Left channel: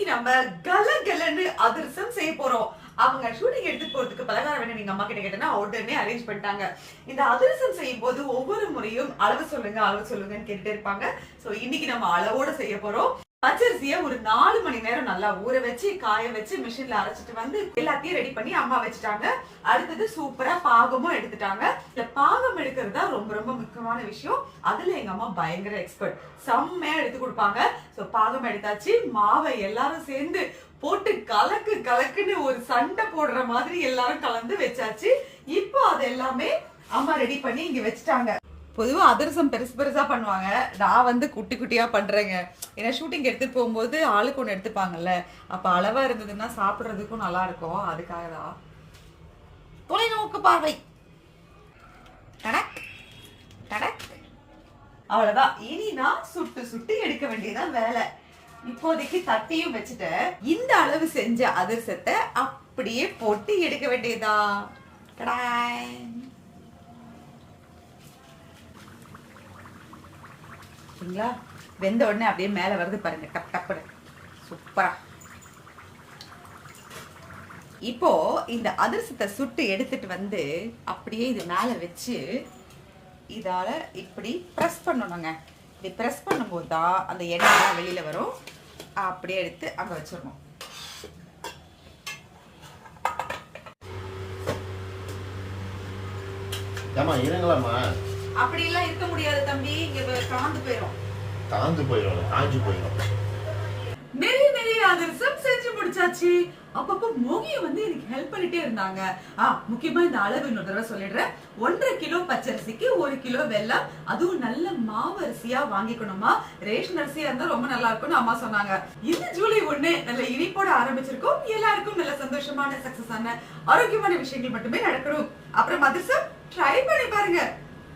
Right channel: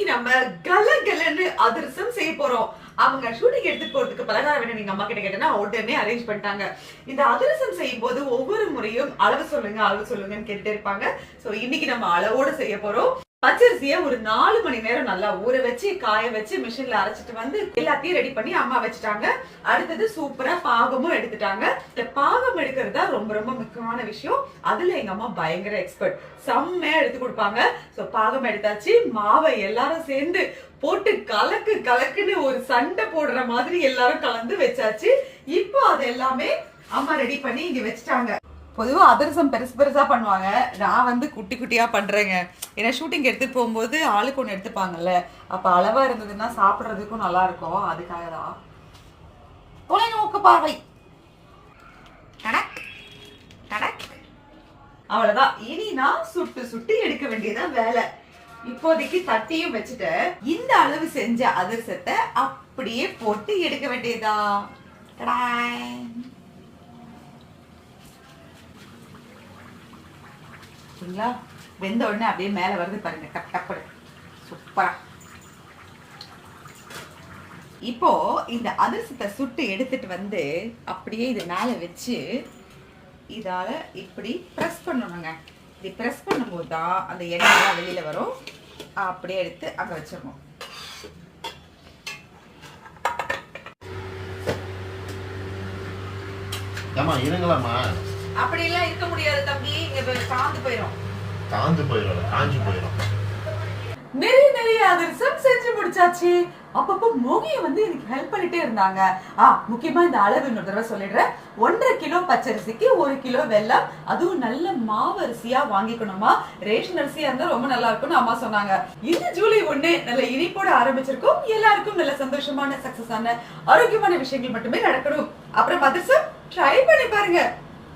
இன்னைக்கு நம்ம கலகலன்னு அதிரசம் செய்ய போறோம். அவங்க ஷூட்டிங் எடுத்துட்டு போறதுக்கு பலகாரம் வேணும் எங்க அம்மா கிட்ட கேட்டேன்னா உடனே அரேஞ்ச் பண்ணிட்டாங்க. இந்த அதிரசம் செய்யும் போது ஒவ்வொரு முறையும் அளவு சொல்லுங்கன்னு கேட்டுட்டே இருப்பாங்க. சோ இன்னைக்கு நம்ம அளவோட செய்ய போறோம். பச்சரிசிய ஒரு 4 மணி நேரம் நல்லா ஊற வச்சு காய வச்சு மிஷின்ல அரைச்சிட்டு வந்து எல்லாத்தையும் ரெடி பண்ணி அம்மா வச்சுட்டாங்க. அடுத்தது சூப்பரா பாகமும் எடுத்துட்டாங்க. இந்த பாகம் எடுக்கிறது தான் ரொம்ப ரொம்ப முக்கியமான விஷயம். அதுல எங்க அம்மா பயங்கர எக்ஸ்பர்ட், செம்மையா எடுத்து கொடுப்பாங்க. சோ பாகம் எடுத்தாச்சு. மாவை எல்லாரும் சேர்ந்து போட்டு கலக்குன்னு ஒரு சண்டை போடுற மாதிரி எல்லாரும் கலந்து வச்சாச்சு. இப்போ அது எல்லாமே அம்மா ரெடி பண்ணி இங்க வச்சுட்டாங்க. பொதுவா அதிரசம் பெருசா பண்ணுவாங்க. நான் வந்து குட்டி குட்டியா பண்றேங்க. ஏன்னா ஷூட்டிங் எடுத்துட்டு போகும்போது ஆளுக்கு ஒண்ணு எடுத்துப்பாங்கல்ல, அப்ப அளவா இருந்ததுன்னா சாப்பிடுறதுக்கும் நல்லா இருக்கும். அதுக்காக தான் தொலைநோக்கு பார்வை. அவ்வளவுதான். இனி நான் சுட்டு எடுக்க வேண்டியதான் வேலை. இப்போதைக்கு தட்டியும் வச்சுட்டு இந்த அளவு செஞ்ச அதிரசத்தை அப்படியே போட்டு எடுக்க வேண்டியதா. வெந்த உடனே அப்படியே மேல வருது பாருங்க, டப் டப்பு சூப்பரா. இப்போ இந்த அதிரசத்தை சுட்டு எடுத்துட்டு வந்து அப்படியே இது மேல வச்சு இதால இப்படி பிரஸ் பண்ணணுங்க. இப்படி பிரஸ் பண்ணும்போது தான் அந்த எண்ணெய் வெளியில வரும். அப்படியே எடுத்து அங்க வச்சிடணும். அப்படி எல்லாம் இருக்க முடியாது தம்பி, இங்க காஞ்சு போயிடும். நிறைய அதிரசம் செஞ்சு முடிச்சாச்சு. அப்பப்போ மோகிய வந்து எனக்கு ஹெல்ப் பண்ணிட்டே இருந்தாங்க. முக்கியமா இந்த அளவு இன்னொரு தடவை சொல்லிடுறேன். 1.5 கிலோ பச்சரிசிக்கு 1 கிலோ வெல்லம், அதுவும் நல்ல மாவு அரிசியா வாங்கிக்கணுமா. ரேஷன் அரிசியா இருந்தா ரொம்ப நல்லா இருக்கும்னு அம்மா சொன்னாங்க. இந்த ஜூலை 1 நல்ல இனிப்போட ஆரம்பிச்சிருக்கோம். எல்லாருக்கும் நல்ல சந்தோஷமான சக்சஸ் ஆன ஆரோக்கியமான விஷயங்கள் மட்டுமே நடக்கணும். அப்புறம் அதிரசம் ட்ரை பண்ணி பாருங்க.